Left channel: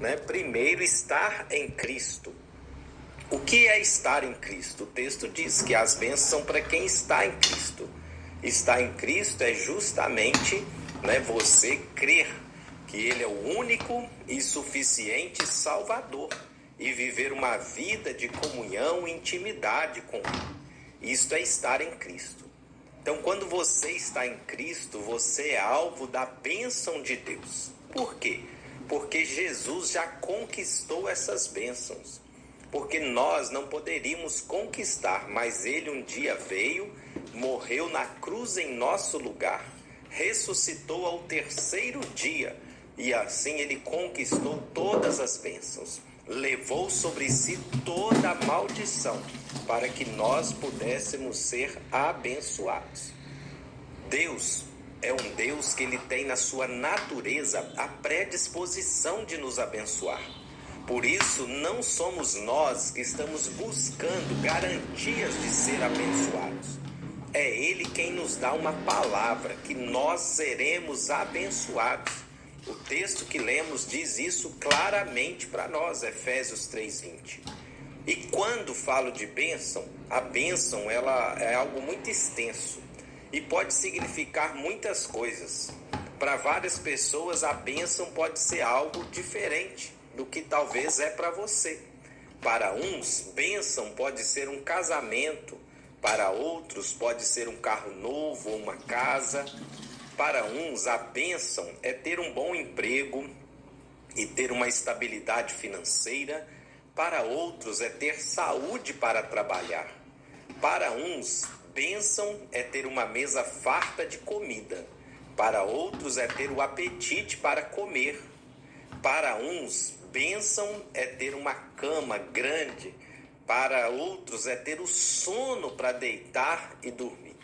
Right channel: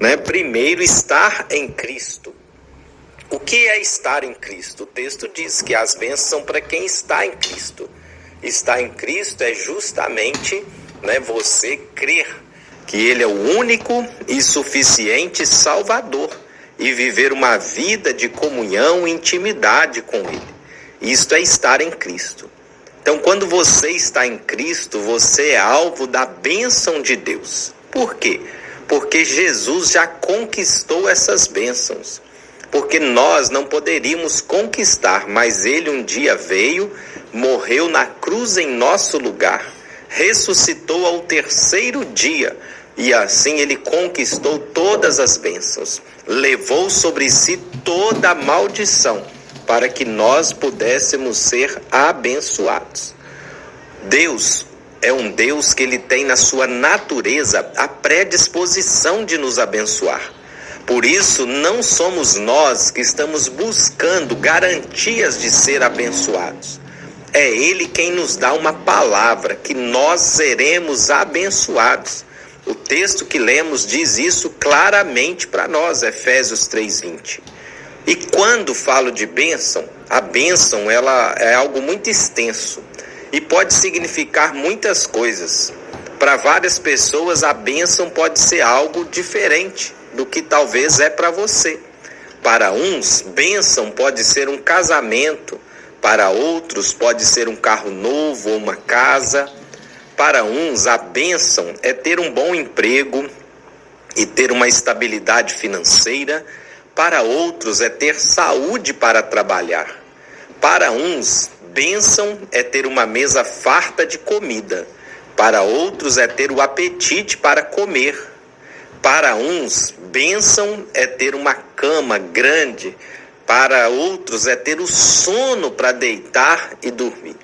né? Primeiro, estar em Cristo. O que é estar em Cristo? O texto diz que as bênçãos são para quem está em Cristo. Estar em Cristo é justamente, né, você crer que Ele é o único e suficiente Salvador e viver uma vida de comunhão e intimidade com Ele. Isto é estar em Cristo. Então, quando você está em Cristo, você é alvo da bênção de Deus. Por quê? Porque Jesus já conquistou essas bênçãos. Porque nós não poderíamos conquistar, mas Ele um dia veio, morreu na cruz em nosso lugar, ressuscitou ao terceiro dia, e assim Ele conquistou todas as bênçãos, levou sobre si toda a maldição, para que nós pudéssemos ser abençoados. Deus é um Deus que Ele tem na sua natureza a predisposição de nos abençoar. Por isso, não somos nós que estamos buscando garantias de ser abençoados. É Ele quem nos dá uma palavra que nós seremos abençoados. O texto que lemos diz isso claramente para nós, Efésios 3:20. E quando falo de bênção, a bênção ela é algo muito extenso e pode significar muitas coisas. Para várias pessoas, a bênção pode ser algo diferente do que talvez é para você. Para uns, bênção pode ser um casamento, para outros pode ser um carro novo ou uma casa. Para uns, a bênção é ter um bom emprego e ter uma estabilidade financeira. Para outros, é ter saúde para trabalhar. Para uns, bênção é ter uma mesa farta de comida. Para outros, é ter o apetite para comer. Para uns, bênção é ter uma cama grande. Para outros, é ter o sono para deitar e dormir.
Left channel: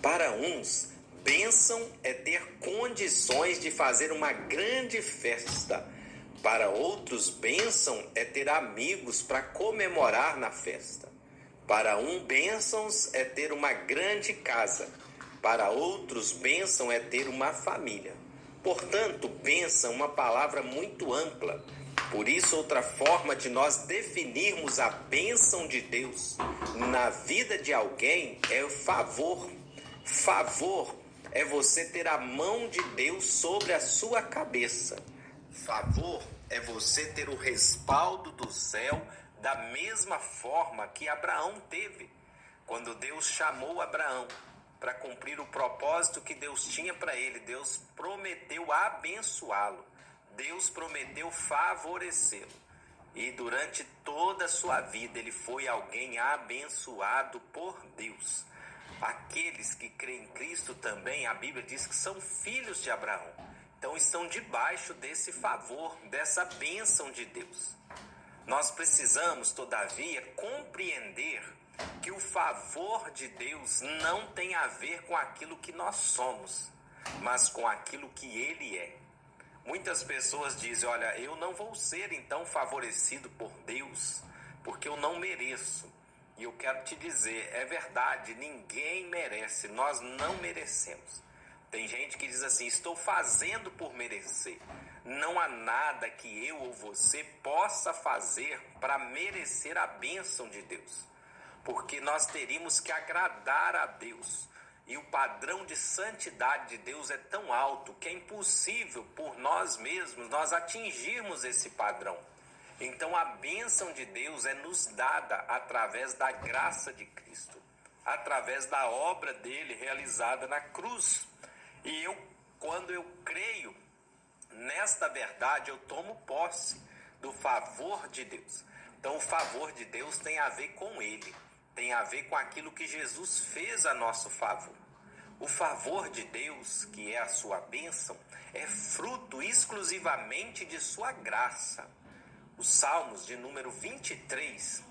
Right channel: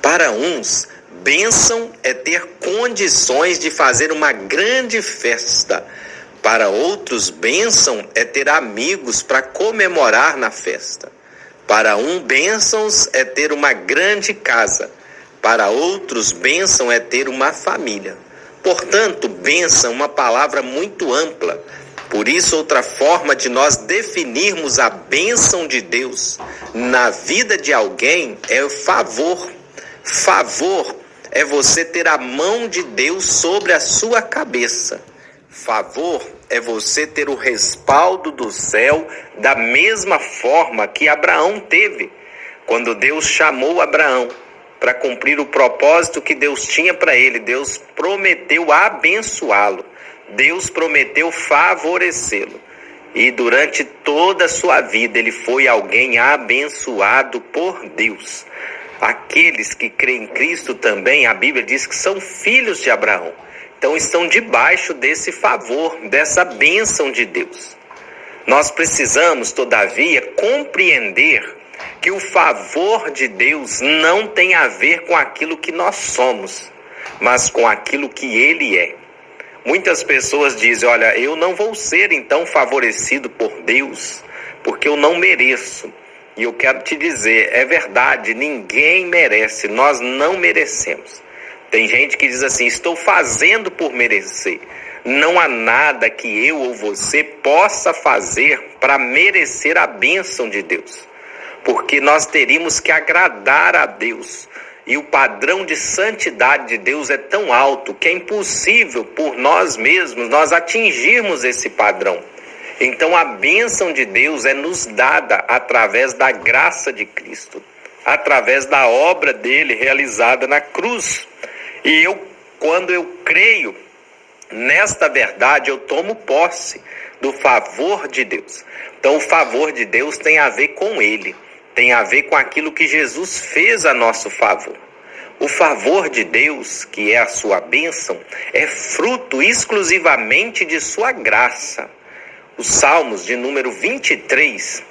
Para uns, bênção é ter condições de fazer uma grande festa. Para outros, bênção é ter amigos para comemorar na festa. Para um, bênçãos é ter uma grande casa. Para outros, bênção é ter uma família. Portanto, bênção é uma palavra muito ampla. Por isso, outra forma de nós definirmos a bênção de Deus na vida de alguém é o favor. Favor é você ter a mão de Deus sobre a sua cabeça. Favor é você ter o respaldo do céu da mesma forma que Abraão teve. Quando Deus chamou Abraão para cumprir o propósito que Deus tinha para ele, Deus prometeu abençoá-lo, Deus prometeu favorecê-lo. E durante toda a sua vida ele foi alguém abençoado por Deus. Aqueles que creem em Cristo também, a Bíblia diz que são filhos de Abraão. Então estão debaixo desse favor, dessa bênção de Deus. Nós precisamos, todavia, compreender que o favor de Deus não tem a ver com aquilo que nós somos, mas com aquilo que Ele é. Muitas pessoas dizem, olha, eu não vou ser então favorecido por Deus, porque eu não mereço. E eu quero te dizer, é verdade, ninguém merece, nós não merecemos. Tem gente que diz assim, estou fazendo por merecer. Não há nada que eu ou você possa fazer para merecer a bênção de Deus. Porque nós teríamos que agradar a Deus. E o padrão de santidade de Deus é tão alto que é impossível por nós mesmos nós atingirmos esse padrão. Então a bênção de Deus é nos dada através da graça de Cristo, através da obra dele realizada na cruz. E quando eu creio nesta verdade, eu tomo posse do favor de Deus. Então o favor de Deus tem a ver com ele. Tem a ver com aquilo que Jesus fez a nosso favor. O favor de Deus, que é a sua bênção, é fruto exclusivamente de sua graça. Os Salmos de número 23,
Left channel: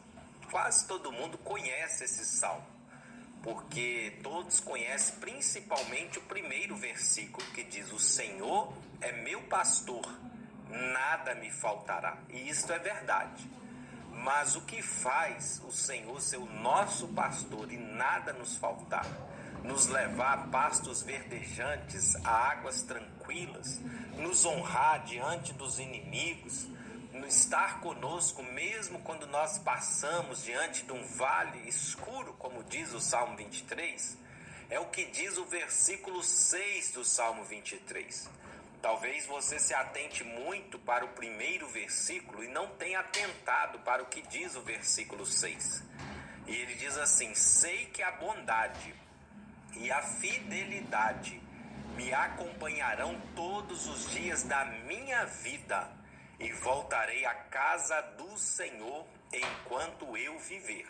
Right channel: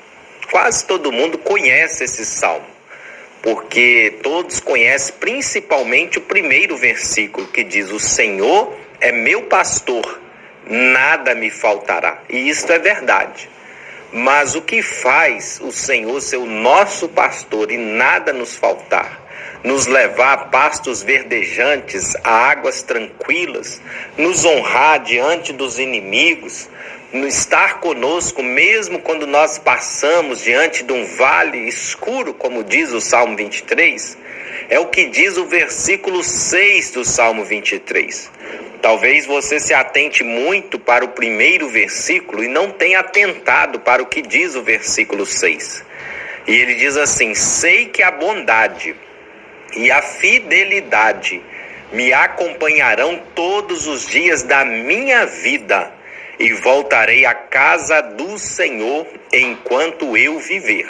quase todo mundo conhece esse salmo, porque todos conhecem principalmente o primeiro versículo, que diz, o Senhor é meu pastor, nada me faltará. E isto é verdade. Mas o que faz o Senhor ser o nosso pastor e nada nos faltar? nos levar a pastos verdejantes, a águas tranquilas, nos honrar diante dos inimigos, estar conosco mesmo quando nós passamos diante de um vale escuro, como diz o Salmo 23, é o que diz o versículo 6 do Salmo 23. Talvez você se atente muito para o primeiro versículo e não tenha atentado para o que diz o versículo 6. E ele diz assim: sei que a bondade e a fidelidade me acompanharão todos os dias da minha vida e voltarei à casa do Senhor enquanto eu viver.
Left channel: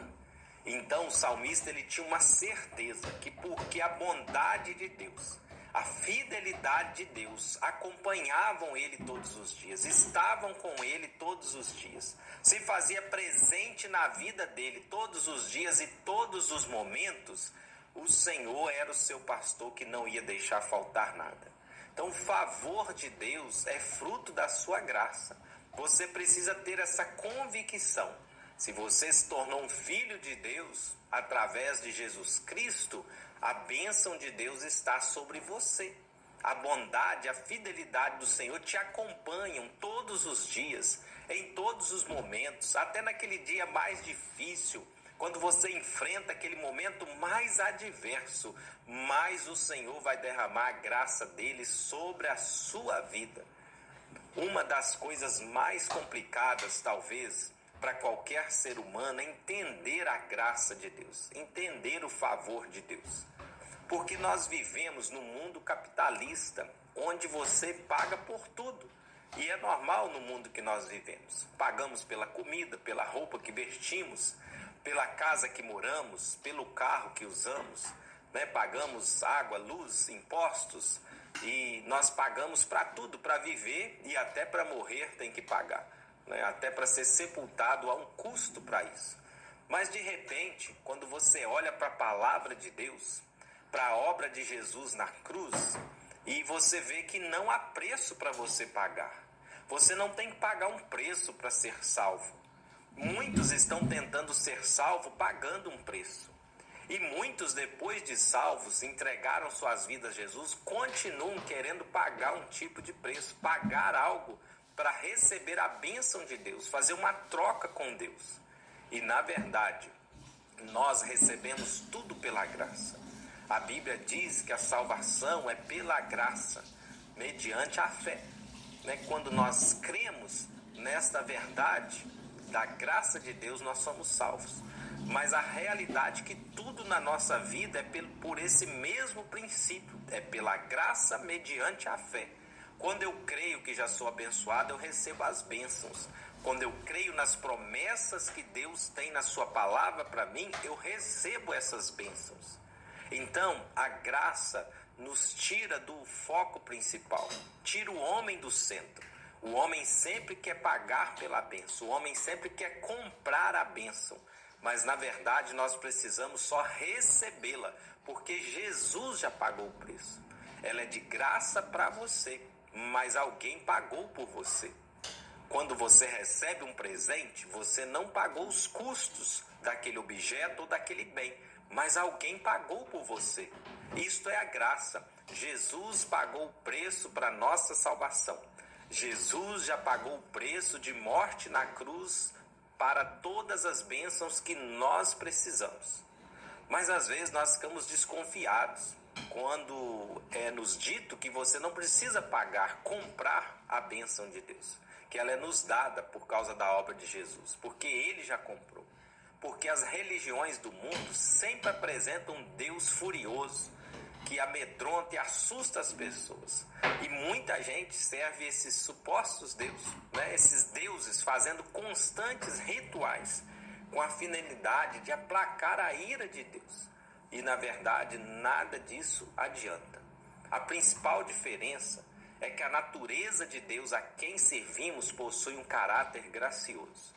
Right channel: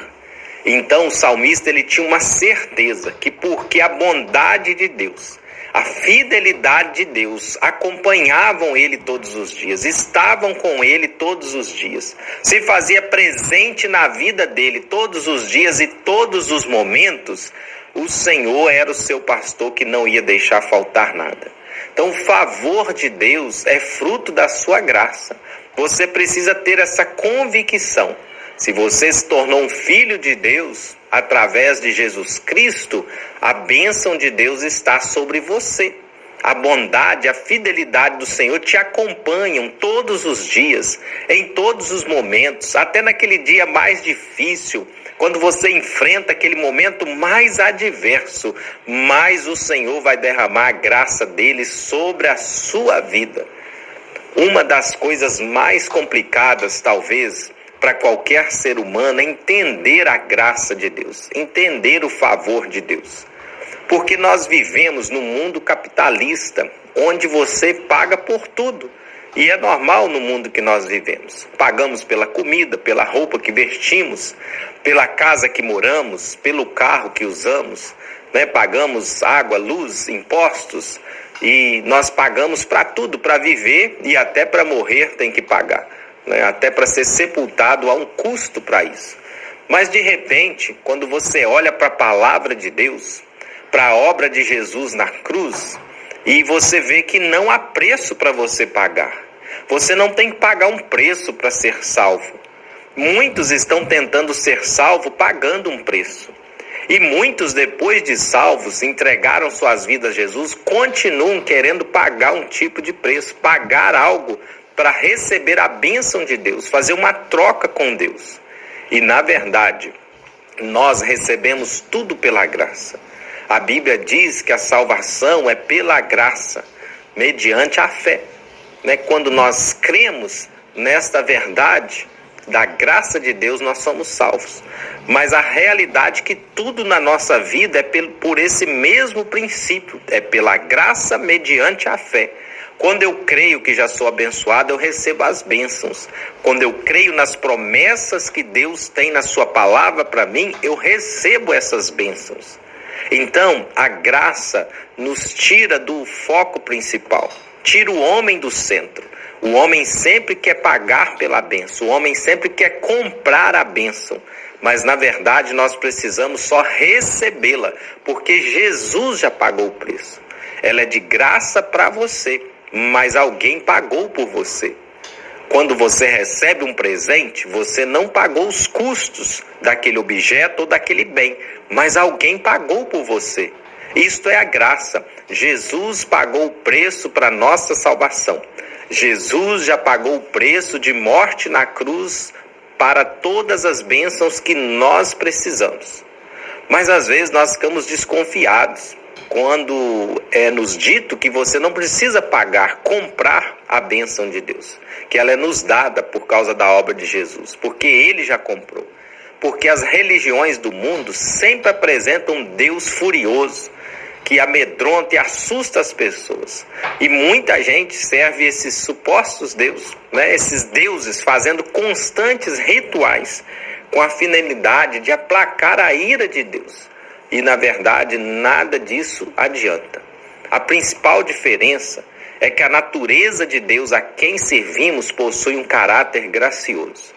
Então o salmista ele tinha uma certeza que porque a bondade de Deus, a fidelidade de Deus acompanhavam ele todos os dias, estavam com ele todos os dias, se fazia presente na vida dele todos os dias e todos os momentos, o Senhor era o seu pastor que não ia deixar faltar nada. Então o favor de Deus é fruto da sua graça. Você precisa ter essa convicção. Se você se tornou um filho de Deus, através de Jesus Cristo, a bênção de Deus está sobre você. A bondade, a fidelidade do Senhor te acompanham todos os dias, em todos os momentos, até naquele dia mais difícil, quando você enfrenta aquele momento mais adverso, mais o Senhor vai derramar a graça dele sobre a sua vida. Uma das coisas mais complicadas, talvez, para qualquer ser humano é entender a graça de Deus, entender o favor de Deus. Porque nós vivemos num mundo capitalista, onde você paga por tudo. E é normal no mundo que nós vivemos. Pagamos pela comida, pela roupa que vestimos, pela casa que moramos, pelo carro que usamos, né? Pagamos água, luz, impostos, e nós pagamos para tudo, para viver e até para morrer tem que pagar, né? Até para ser sepultado há um custo para isso. Mas de repente, quando você olha para a palavra de Deus, para a obra de Jesus na cruz, e você vê que não há preço para você pagar. Você não tem que pagar um preço para ser salvo. Muitos estão tentando ser salvos pagando um preço. E muitos, depois de salvos, entregaram suas vidas a Jesus, continuam querendo pagar um tipo de preço, pagar algo para receber a bênção de Deus, fazer uma troca com Deus. E, na verdade, nós recebemos tudo pela graça. A Bíblia diz que a salvação é pela graça, mediante a fé. Quando nós cremos nesta verdade da graça de Deus, nós somos salvos. Mas a realidade é que tudo na nossa vida é por esse mesmo princípio, é pela graça mediante a fé. Quando eu creio que já sou abençoado, eu recebo as bênçãos. Quando eu creio nas promessas que Deus tem na sua palavra para mim, eu recebo essas bênçãos. Então, a graça nos tira do foco principal, tira o homem do centro. O homem sempre quer pagar pela bênção, o homem sempre quer comprar a bênção. Mas, na verdade, nós precisamos só recebê-la, porque Jesus já pagou o preço. Ela é de graça para você, mas alguém pagou por você. Quando você recebe um presente, você não pagou os custos daquele objeto ou daquele bem, mas alguém pagou por você. Isto é a graça. Jesus pagou o preço para a nossa salvação. Jesus já pagou o preço de morte na cruz para todas as bênçãos que nós precisamos. Mas às vezes nós ficamos desconfiados quando é nos dito que você não precisa pagar, comprar a bênção de Deus, que ela é nos dada por causa da obra de Jesus, porque Ele já comprou. Porque as religiões do mundo sempre apresentam um Deus furioso, que amedronta e assusta as pessoas. E muita gente serve esses supostos deuses, esses deuses fazendo constantes rituais com a finalidade de aplacar a ira de Deus. E, na verdade, nada disso adianta. A principal diferença é que a natureza de Deus a quem servimos possui um caráter gracioso.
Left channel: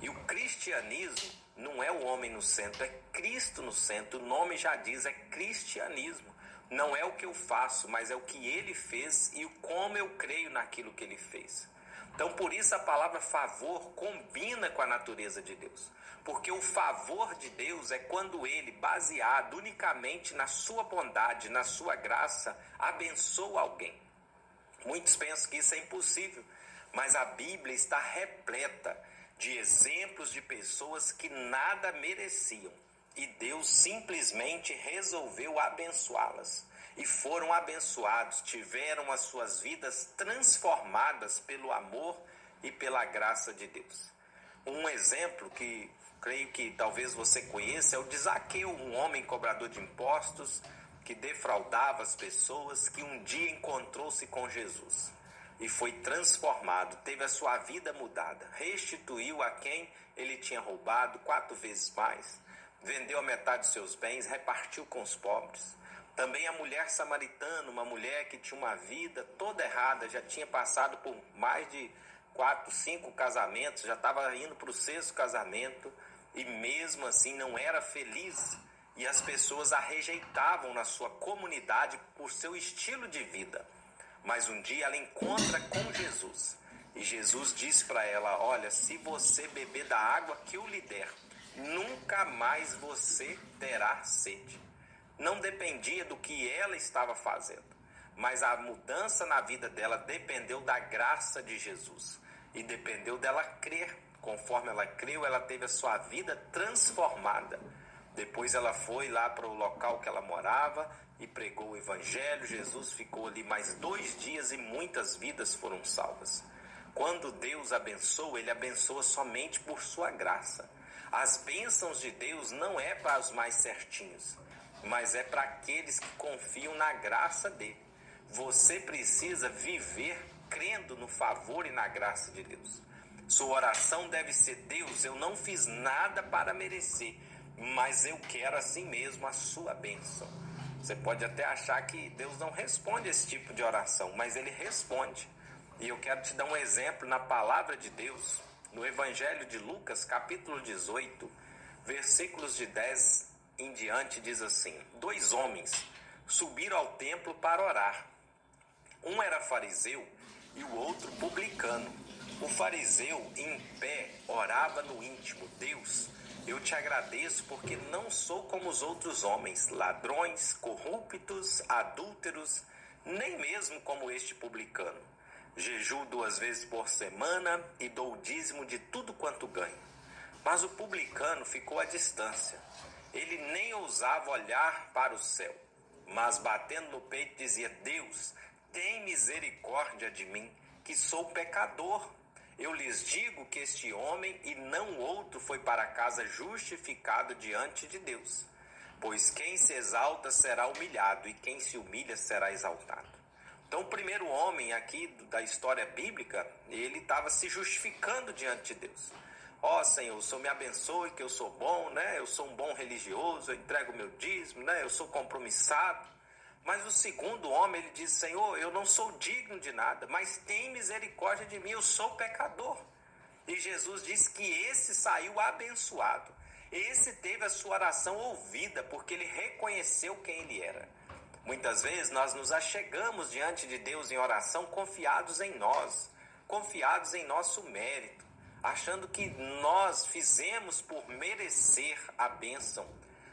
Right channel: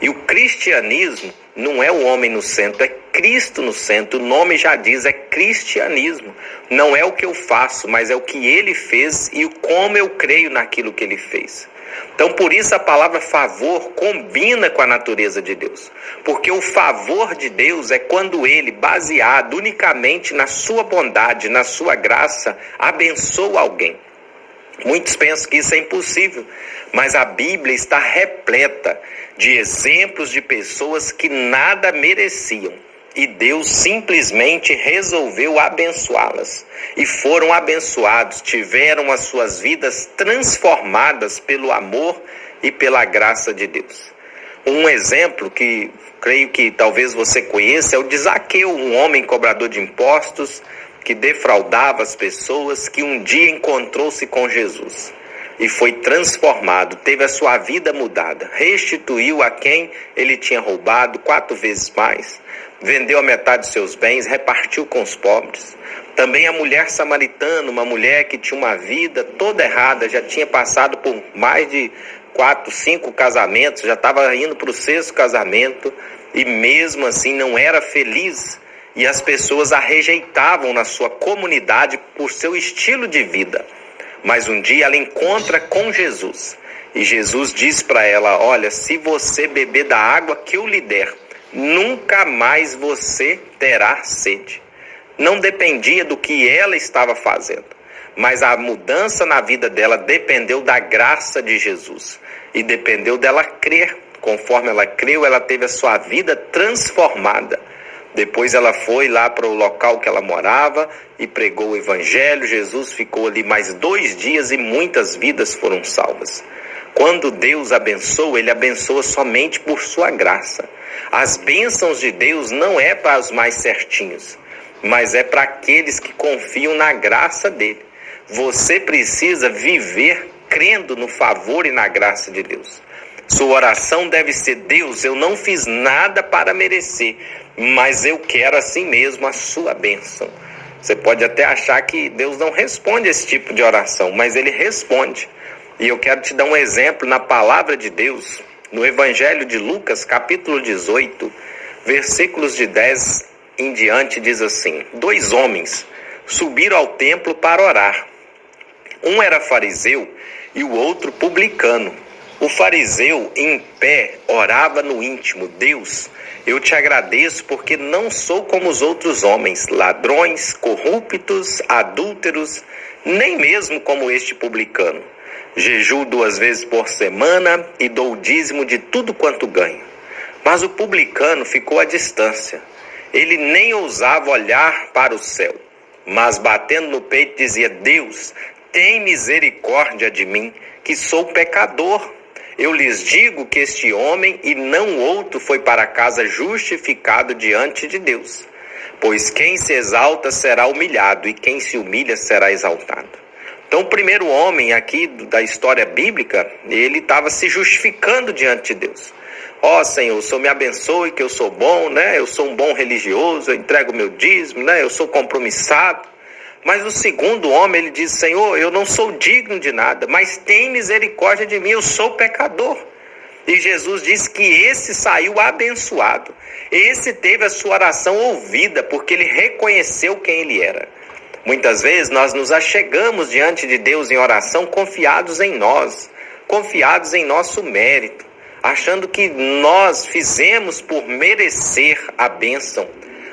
E o cristianismo Não é o homem no centro, é Cristo no centro. O nome já diz, é cristianismo. Não é o que eu faço, mas é o que ele fez e como eu creio naquilo que ele fez. Então, por isso a palavra favor combina com a natureza de Deus. Porque o favor de Deus é quando ele, baseado unicamente na sua bondade, na sua graça, abençoa alguém. Muitos pensam que isso é impossível, mas a Bíblia está repleta de exemplos de pessoas que nada mereciam. E Deus simplesmente resolveu abençoá-las. E foram abençoados, tiveram as suas vidas transformadas pelo amor e pela graça de Deus. Um exemplo que creio que talvez você conheça é o de Zaqueu, um homem cobrador de impostos, que defraudava as pessoas, que um dia encontrou-se com Jesus e foi transformado, teve a sua vida mudada, restituiu a quem ele tinha roubado 4 vezes mais, vendeu a metade dos seus bens, repartiu com os pobres. Também a mulher samaritana, uma mulher que tinha uma vida toda errada, já tinha passado por mais de 4, 5 casamentos, já estava indo para o 6º casamento e mesmo assim não era feliz. E as pessoas a rejeitavam na sua comunidade por seu estilo de vida. Mas um dia ela encontra com Jesus. E Jesus diz para ela, olha, se você beber da água que eu lhe der, nunca mais você terá sede. Não dependia do que ela estava fazendo. Mas a mudança na vida dela dependeu da graça de Jesus. E dependeu dela crer. Conforme ela creu, ela teve a sua vida transformada. Depois ela foi lá para o local que ela morava e pregou o evangelho. Jesus ficou ali mais 2 dias e muitas vidas foram salvas. Quando Deus abençoa, ele abençoa somente por sua graça. As bênçãos de Deus não é para os mais certinhos, mas é para aqueles que confiam na graça dele. Você precisa viver crendo no favor e na graça de Deus. Sua oração deve ser: Deus, eu não fiz nada para merecer, mas eu quero assim mesmo a sua bênção. Você pode até achar que Deus não responde esse tipo de oração, mas ele responde. E eu quero te dar um exemplo na palavra de Deus, no Evangelho de Lucas, capítulo 18, versículos de 10 em diante, diz assim: 2 homens subiram ao templo para orar. Um era fariseu e o outro publicano. O fariseu, em pé, orava no íntimo: Deus, eu te agradeço porque não sou como os outros homens, ladrões, corruptos, adúlteros, nem mesmo como este publicano. Jejuo 2 vezes por semana e dou o dízimo de tudo quanto ganho. Mas o publicano ficou à distância. Ele nem ousava olhar para o céu, mas batendo no peito dizia: Deus, tem misericórdia de mim, que sou pecador. Eu lhes digo que este homem e não outro foi para casa justificado diante de Deus. Pois quem se exalta será humilhado e quem se humilha será exaltado. Então o primeiro homem aqui da história bíblica, ele estava se justificando diante de Deus. Ó Senhor, o Senhor me abençoe que eu sou bom, né? Eu sou um bom religioso, eu entrego meu dízimo, né? Eu sou compromissado. Mas o segundo homem, ele diz: Senhor, eu não sou digno de nada, mas tem misericórdia de mim, eu sou pecador. E Jesus diz que esse saiu abençoado. Esse teve a sua oração ouvida, porque ele reconheceu quem ele era. Muitas vezes nós nos achegamos diante de Deus em oração confiados em nós, confiados em nosso mérito, achando que nós fizemos por merecer a bênção.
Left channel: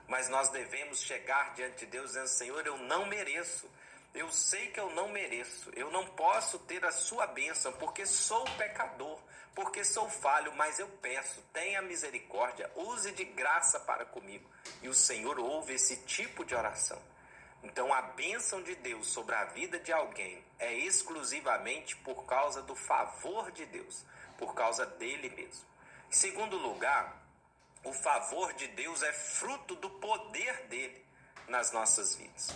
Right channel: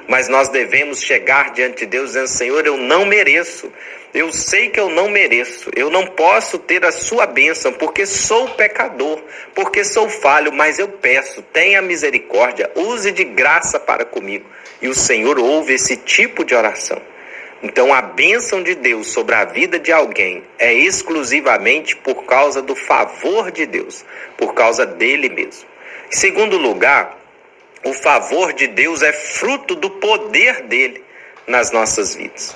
Mas nós devemos chegar diante de Deus dizendo: Senhor, eu não mereço. Eu sei que eu não mereço. Eu não posso ter a sua bênção porque sou pecador, porque sou falho. Mas eu peço, tenha misericórdia, use de graça para comigo. E o Senhor ouve esse tipo de oração. Então a bênção de Deus sobre a vida de alguém é exclusivamente por causa do favor de Deus, por causa dele mesmo. Em segundo lugar, o favor de Deus é fruto do poder dele nas nossas vidas.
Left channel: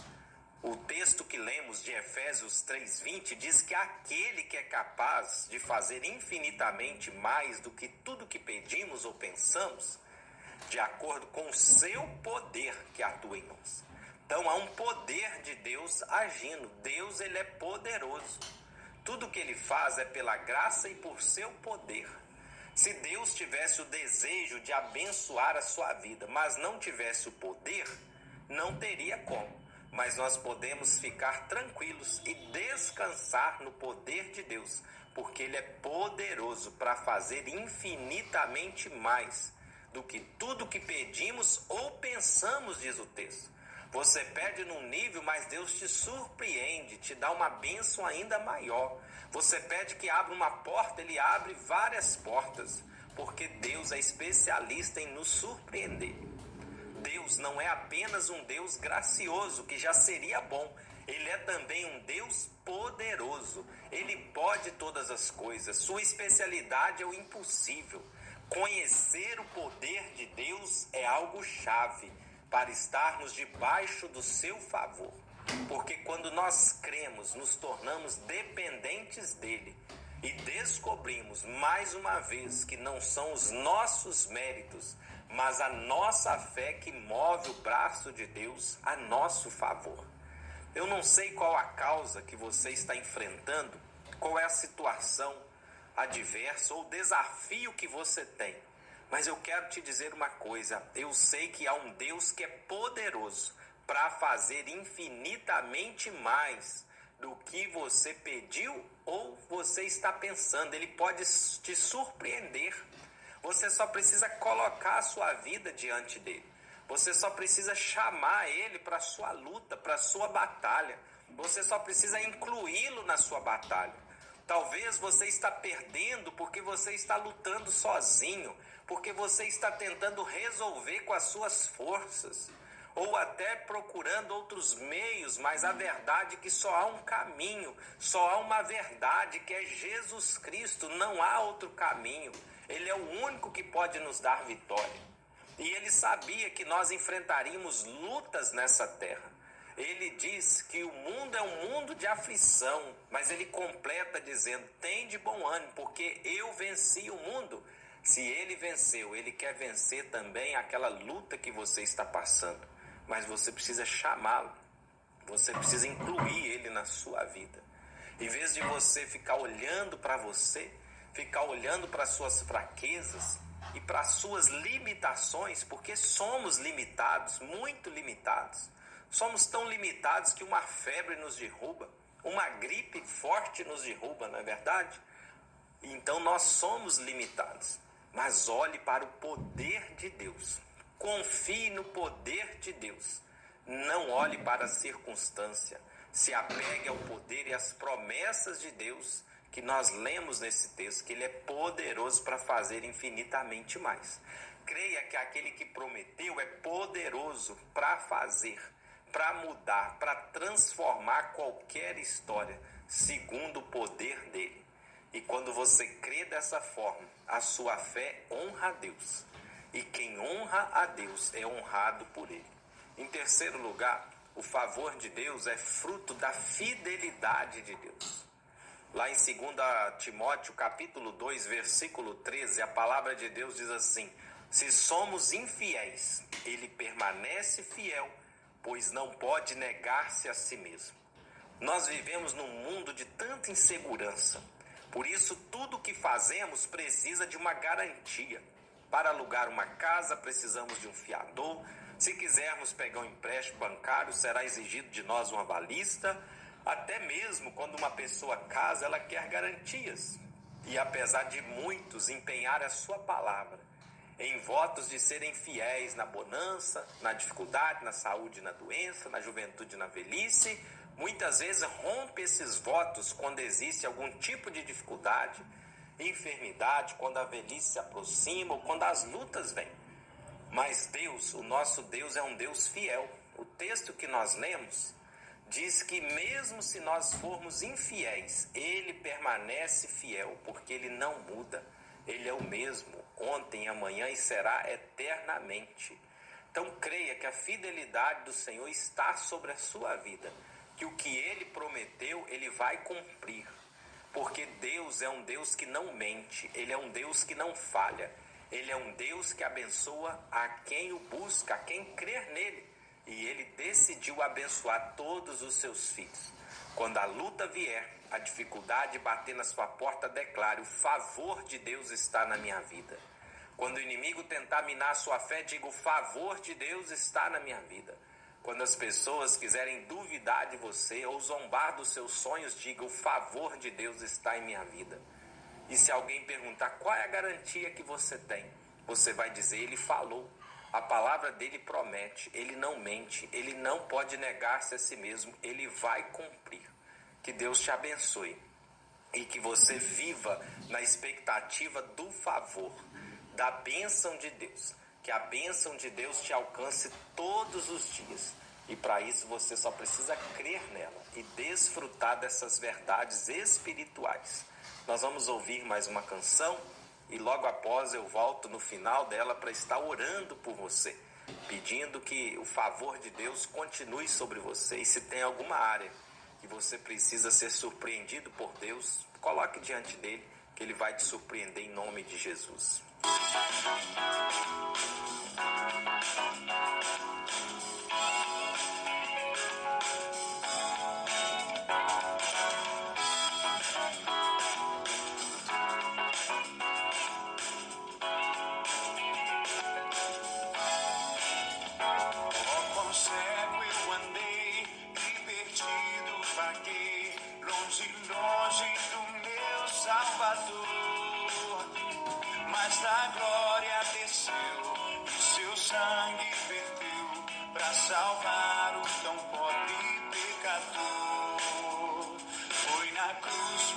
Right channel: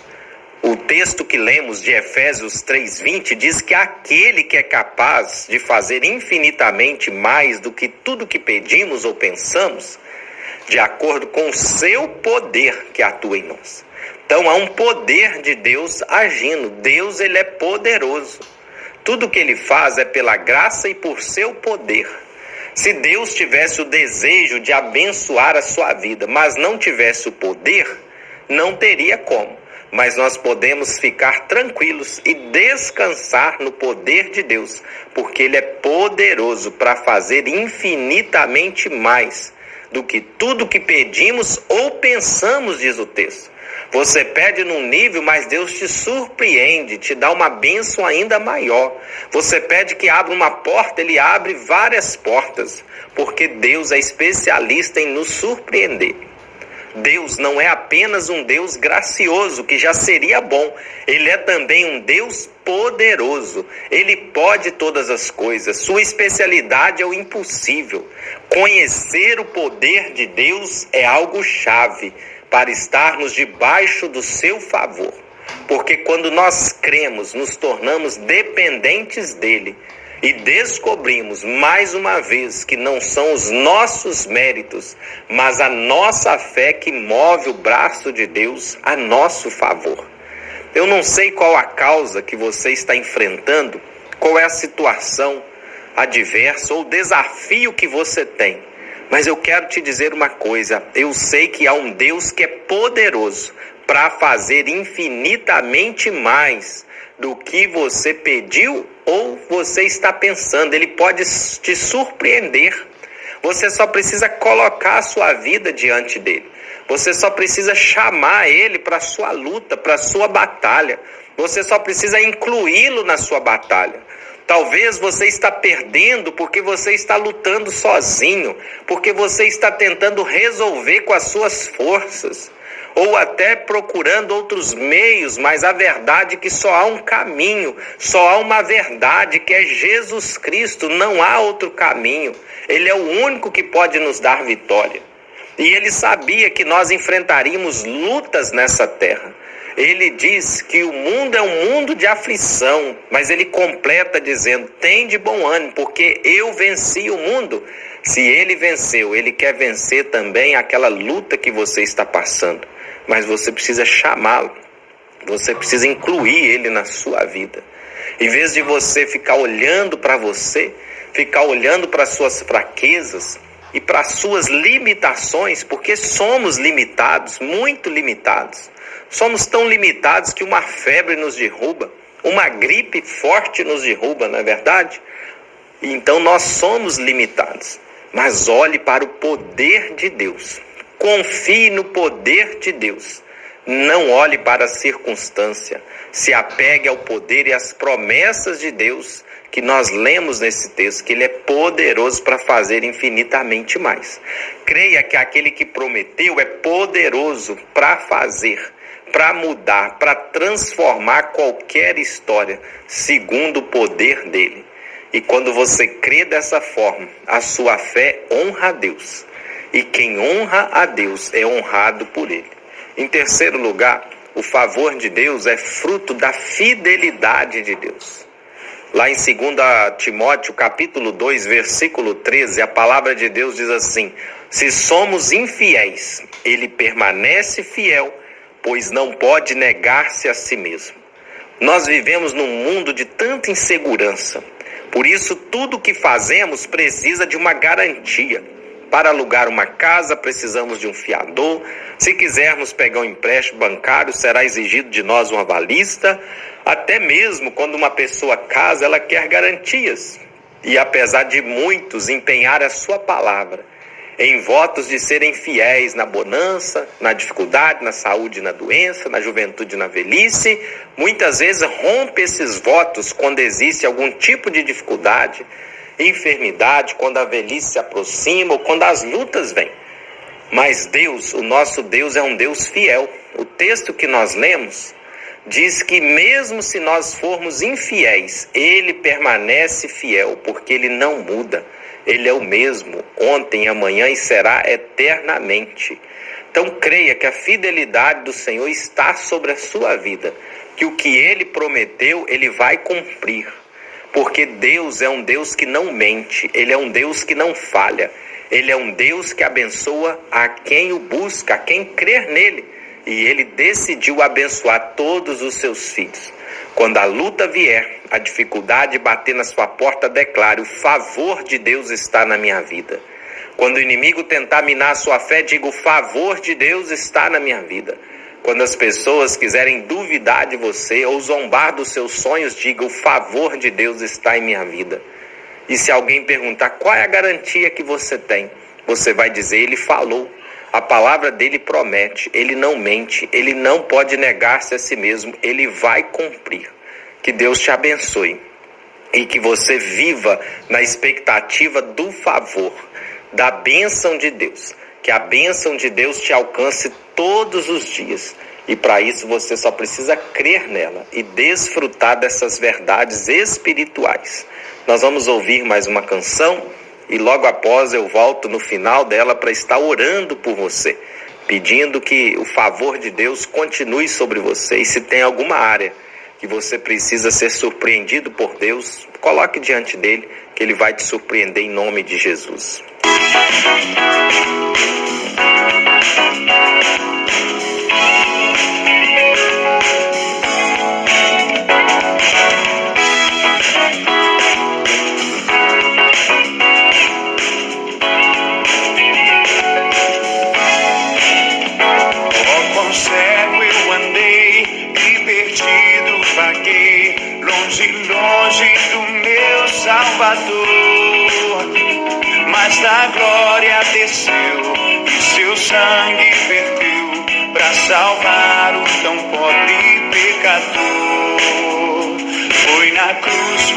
O texto que lemos de Efésios 3:20 diz que aquele que é capaz de fazer infinitamente mais do que tudo que pedimos ou pensamos, de acordo com o seu poder que atua em nós. Então há um poder de Deus agindo. Deus, ele é poderoso. Tudo que ele faz é pela graça e por seu poder. Se Deus tivesse o desejo de abençoar a sua vida, mas não tivesse o poder, não teria como. Mas nós podemos ficar tranquilos e descansar no poder de Deus, porque Ele é poderoso para fazer infinitamente mais do que tudo que pedimos ou pensamos, diz o texto. Você pede num nível, mas Deus te surpreende, te dá uma bênção ainda maior. Você pede que abra uma porta, Ele abre várias portas, porque Deus é especialista em nos surpreender. Deus não é apenas um Deus gracioso, que já seria bom. Ele é também um Deus poderoso. Ele pode todas as coisas. Sua especialidade é o impossível. Conhecer o poder de Deus é algo chave para estarmos debaixo do seu favor. Porque quando nós cremos, nos tornamos dependentes dele. E descobrimos mais uma vez que não são os nossos méritos, mas a nossa fé que move o braço de Deus a nosso favor. Eu não sei qual a causa que você está enfrentando, qual é a situação adversa ou desafio que você tem. Mas eu quero te dizer uma coisa, eu sei que há um Deus que é poderoso para fazer infinitamente mais do que você pediu ou você está pensando. Ele pode te surpreender. Você só precisa colocar a sua vida diante dele. Você só precisa chamar ele para a sua luta, para a sua batalha. Você só precisa incluí-lo na sua batalha. Talvez você está perdendo porque você está lutando sozinho, porque você está tentando resolver com as suas forças, ou até procurando outros meios, mas a verdade é que só há um caminho, só há uma verdade, que é Jesus Cristo, não há outro caminho. Ele é o único que pode nos dar vitória. E ele sabia que nós enfrentaríamos lutas nessa terra. Ele diz que o mundo é um mundo de aflição, mas ele completa dizendo: tem de bom ânimo, porque eu venci o mundo. Se ele venceu, ele quer vencer também aquela luta que você está passando. Mas você precisa chamá-lo, você precisa incluir ele na sua vida. Em vez de você ficar olhando para você, ficar olhando para as suas fraquezas e para as suas limitações, porque somos limitados, muito limitados. Somos tão limitados que uma febre nos derruba, uma gripe forte nos derruba, não é verdade? Então nós somos limitados, mas olhe para o poder de Deus. Confie no poder de Deus. Não olhe para a circunstância. Se apegue ao poder e às promessas de Deus que nós lemos nesse texto, que Ele é poderoso para fazer infinitamente mais. Creia que aquele que prometeu é poderoso para fazer, para mudar, para transformar qualquer história, segundo o poder dele. E quando você crê dessa forma, a sua fé honra a Deus. E quem honra a Deus é honrado por ele. Em terceiro lugar, o favor de Deus é fruto da fidelidade de Deus. Lá em 2 Timóteo, capítulo 2, versículo 13, a palavra de Deus diz assim: se somos infiéis, ele permanece fiel, pois não pode negar-se a si mesmo. Nós vivemos num mundo de tanta insegurança. Por isso, tudo que fazemos precisa de uma garantia. Para alugar uma casa, precisamos de um fiador. Se quisermos pegar um empréstimo bancário, será exigido de nós um avalista. Até mesmo quando uma pessoa casa, ela quer garantias. E apesar de muitos empenhar a sua palavra em votos de serem fiéis na bonança, na dificuldade, na saúde, na doença, na juventude, na velhice, muitas vezes rompe esses votos quando existe algum tipo de dificuldade, enfermidade, quando a velhice se aproxima ou quando as lutas vêm. Mas Deus, o nosso Deus, é um Deus fiel. O texto que nós lemos diz que mesmo se nós formos infiéis, Ele permanece fiel, porque Ele não muda. Ele é o mesmo, ontem, amanhã e será eternamente. Então creia que a fidelidade do Senhor está sobre a sua vida, que o que Ele prometeu, Ele vai cumprir. Porque Deus é um Deus que não mente, Ele é um Deus que não falha. Ele é um Deus que abençoa a quem o busca, a quem crer nele. E Ele decidiu abençoar todos os seus filhos. Quando a luta vier, a dificuldade bater na sua porta, declare: o favor de Deus está na minha vida. Quando o inimigo tentar minar a sua fé, diga: o favor de Deus está na minha vida. Quando as pessoas quiserem duvidar de você ou zombar dos seus sonhos, diga: o favor de Deus está em minha vida. E se alguém perguntar qual é a garantia que você tem, você vai dizer: ele falou. A palavra dele promete, ele não mente, ele não pode negar-se a si mesmo, ele vai cumprir. Que Deus te abençoe e que você viva na expectativa do favor, da bênção de Deus. Que a bênção de Deus te alcance todos os dias. E para isso você só precisa crer nela e desfrutar dessas verdades espirituais. Nós vamos ouvir mais uma canção e logo após eu volto no final dela para estar orando por você, pedindo que o favor de Deus continue sobre você. E se tem alguma área que você precisa ser surpreendido por Deus, coloque diante dele, que ele vai te surpreender em nome de Jesus. Longe do meu Salvador, mas da glória desceu e seu sangue verteu para salvar o tão pobre pecador. Foi na cruz,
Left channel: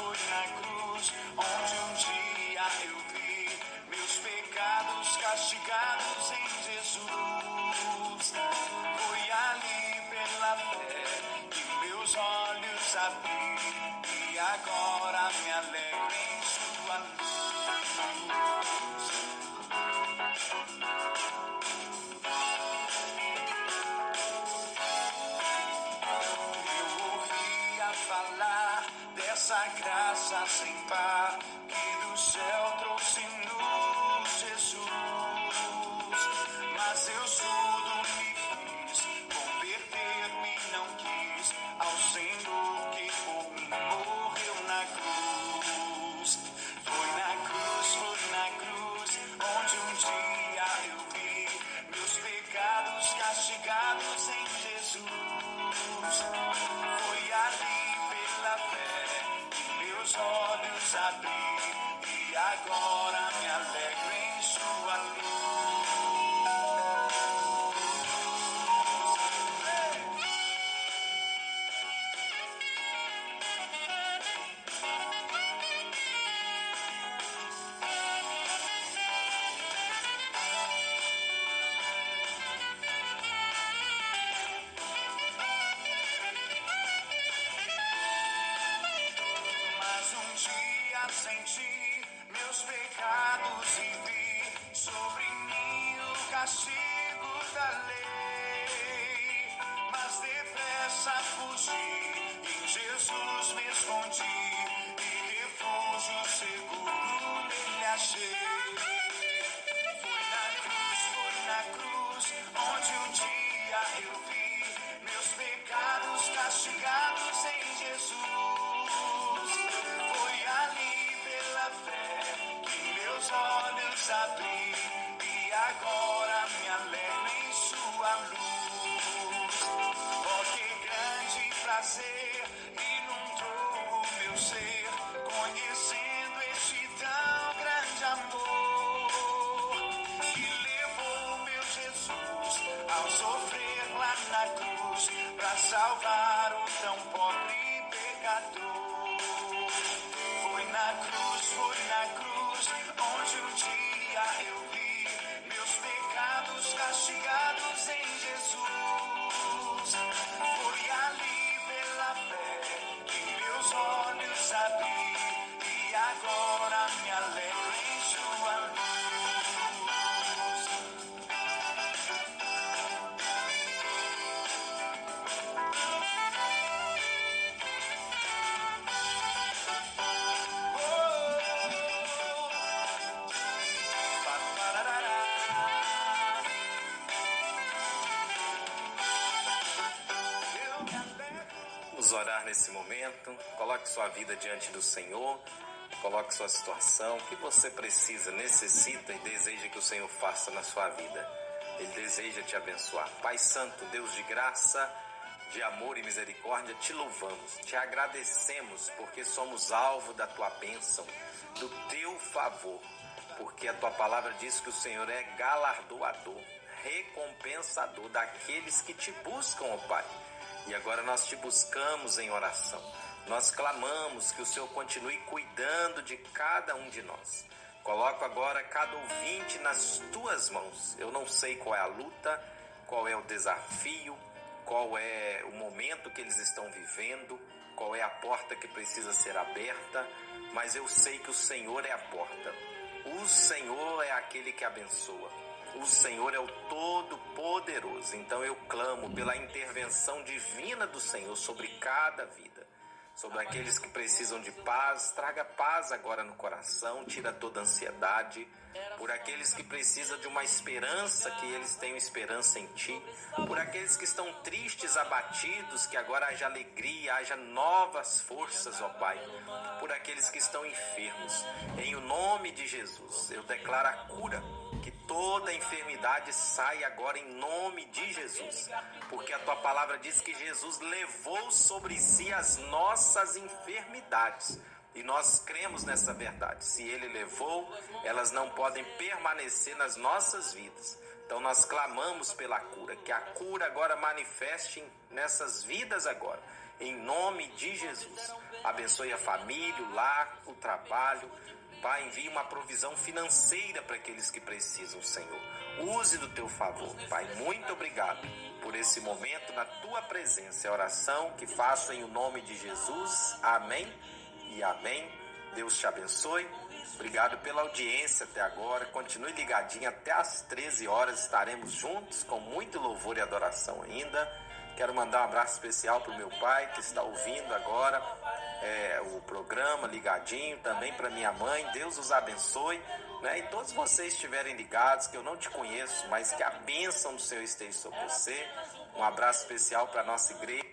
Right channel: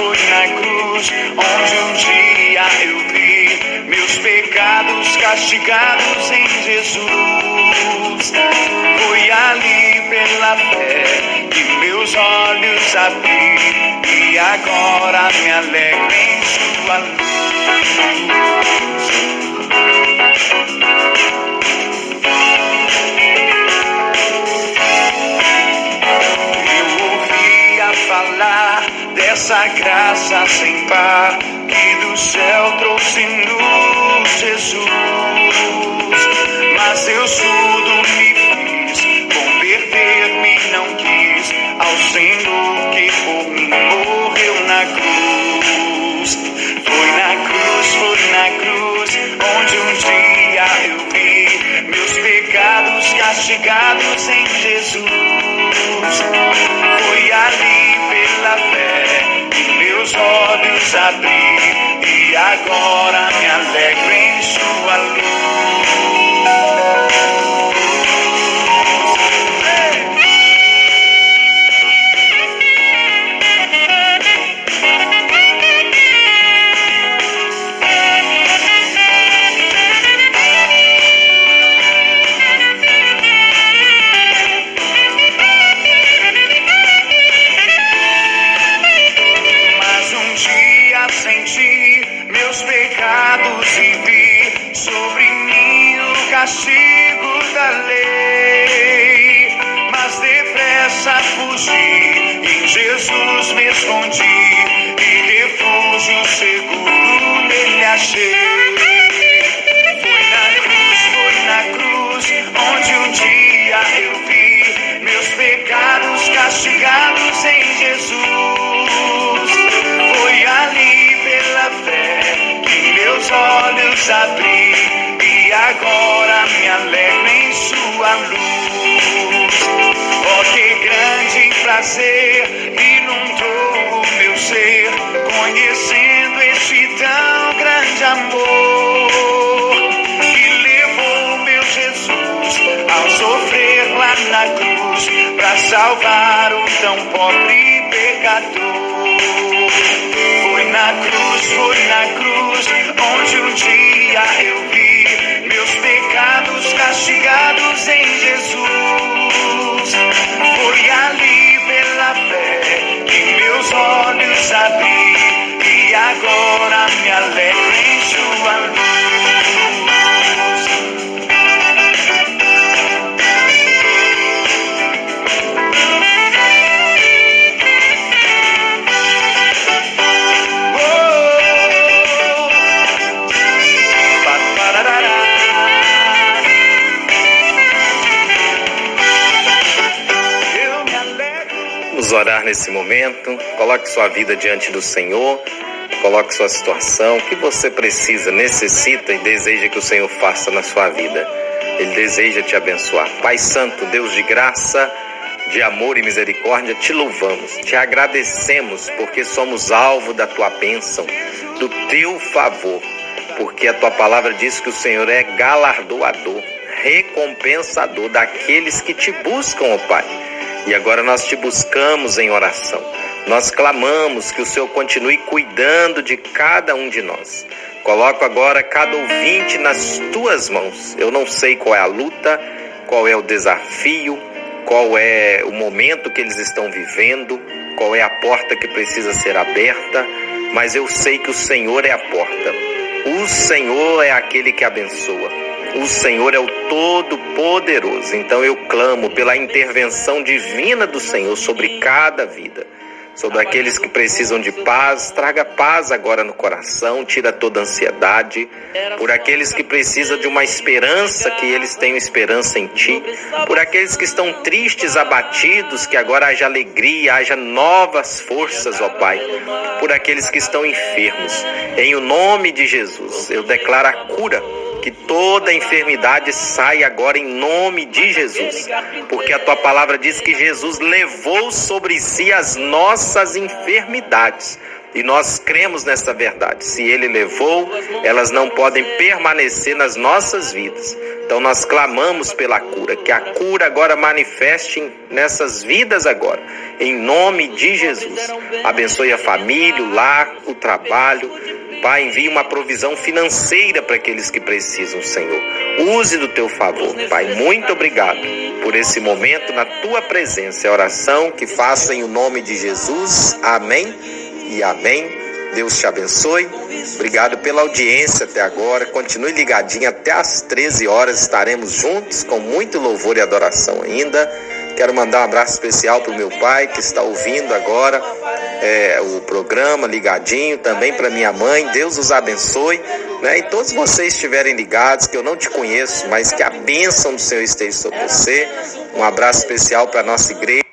onde um dia eu vi meus pecados castigados em Jesus. Foi ali pela fé que meus olhos abri e agora me alegro em sua luz. Eu ouvia falar dessa graça sem par que do céu trouxe-nos Jesus. Mas eu surdo me fiz, converter-me não quis ao Senhor que por mim morreu na cruz. Foi na cruz, onde um dia eu vi meus pecados castigados em Jesus. Foi ali pela fé que meus olhos abri e agora me alegro em sua luz. Castigo da lei, mas depressa fugi, em Jesus me escondi e refúgio seguro nele achei. Foi na cruz, onde um dia eu vi meus pecados castigados em Jesus. Foi ali pela fé que meus olhos abri e agora me alegro em sua luz. Oh, que grande prazer inundou o meu ser, conhecendo este tão grande amor, que levou meu Jesus ao sofrer lá na cruz, para salvar o tão pobre pecador. Foi na cruz, onde um dia eu vi meus pecados castigados em Jesus. Foi ali pela fé que meus olhos abri e agora me alegro em sua luz. Orar nesse momento, coloque sua vida diante do Senhor, coloque sua situação, o que você precisa, necessita e deseja que o Senhor faça na sua vida. Ele deseja te abençoar. Pai Santo, Deus de graça, de amor e misericórdia, te louvamos, te agradecemos porque somos alvo da tua bênção, do teu favor, porque a tua palavra diz que o Senhor é galardoador, recompensador daqueles que te buscam, ó Pai. E agora nós te buscamos em oração. Nós clamamos que o Senhor continue cuidando de cada um de nós. Coloco agora cada ouvinte nas tuas mãos. Eu não sei qual é a luta, qual é o desafio, qual é o momento que eles estão vivendo, qual é a porta que precisa ser aberta, mas eu sei que o Senhor é a porta. O Senhor é aquele que abençoa. O Senhor é o Todo-Poderoso. Então eu clamo pela intervenção divina do Senhor sobre cada vida, sobre aqueles que precisam de paz. Traga paz agora no coração, tira toda ansiedade. Por aqueles que precisam de uma esperança, que eles tenham esperança em Ti. Por aqueles que estão tristes, abatidos, que agora haja alegria, haja novas forças, ó Pai. Por aqueles que estão enfermos, em o nome de Jesus, eu declaro a cura. Que toda enfermidade saia agora em nome de Jesus, porque a tua palavra diz que Jesus levou sobre si as nossas enfermidades, e nós cremos nessa verdade. Se ele levou, elas não podem permanecer nas nossas vidas. Então nós clamamos pela cura, que a cura agora manifeste nessas vidas agora, em nome de Jesus. Abençoe a família, o lar, o trabalho. Pai, envie uma provisão financeira para aqueles que precisam, Senhor. Use do teu favor, Pai. Muito obrigado por esse momento na tua presença. É a oração que faço em o nome de Jesus. Amém e amém. Deus te abençoe. Obrigado pela audiência até agora. Continue ligadinho até às 13 horas. Estaremos juntos com muito louvor e adoração ainda. Quero mandar um abraço especial para o meu pai que está ouvindo agora o programa ligadinho, também para minha mãe. Deus os abençoe, né? E todos vocês estiverem ligados, que eu não te conheço, mas que a bênção do Senhor esteja sobre você. Um abraço especial para a nossa igreja.